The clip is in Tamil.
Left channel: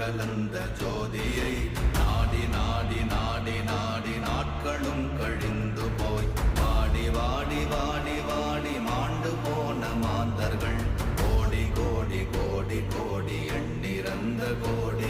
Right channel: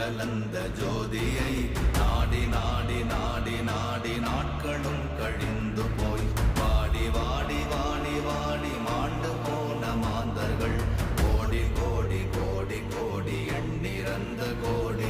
கலந்த ஜோதியை நாடி நாடி நாடி நாடி நாட்களும் கழிந்து போய் வாடி வாடி வாடி வாடி மாண்டு போன மாந்தர்கள் கோடி கோடி கோடி கோடி எண்ணிறந்த கோடி